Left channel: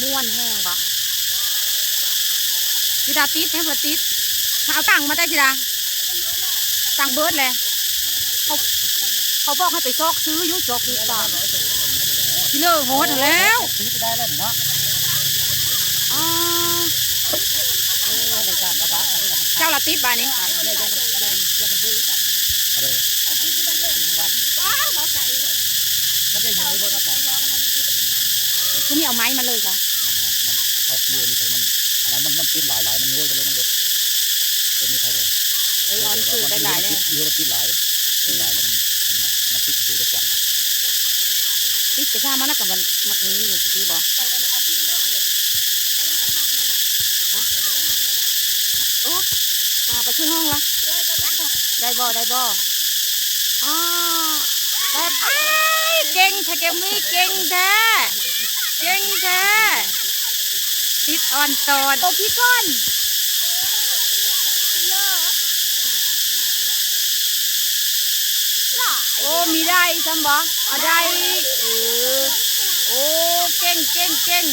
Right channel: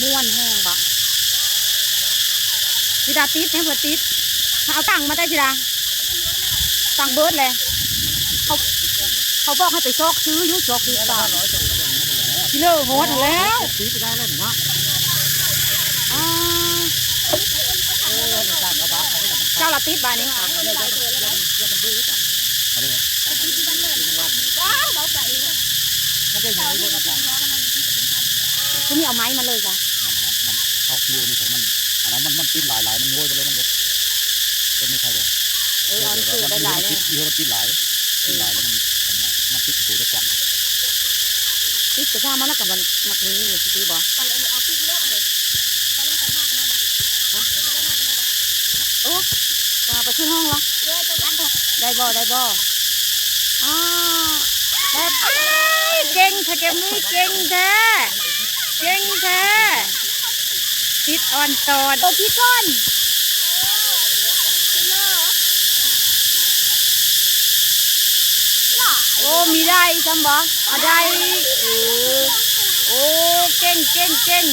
ม่วนแห้งบะสิดาติดเนี่ยเพื่อติดเอาตังมาได้สิดาตังเบิร์ดเลยเขาเขาบอกให้ไปซอกซื้อยุ่งซอกซื้อตังพี่เลอโหดแล้วซื้อไปได้แล้วนะอ่าเอเจ้าละติดบานี้ว้าวเบาใจมันได้ยังไงบ้างครับ คุณนี่เอาไม้มาเลยค่ะมันมันออกเดียวนี่ใส่มันอันนั้นมันมันติดหลายหลายมันงวยไปเลยมันเล็กเป็นไม่ใช่เลยเออเอาซื้อได้หลายเลยเยอะติดหลายติดหลายแล้วมันมันติดตัวจะกว้างติดกระชามันแล้วกับมันมักนี้นี่สิบอกไปเอาปิ้งเนาะเลยก็เล่นกันมากนะบ้าโอ้มาไปขึ้นห้องละเยอะจะรักได้บ่ได้บ่อ่าได้อ้ายเก่งแท้แกมีเก่งแท้เก่งแท้ ติดอ่อนตอนโอ้พี่ก้อนโอ้มีได้ซ้ำบ่เอาได้เออโอ้เก่งเก่งเก่ง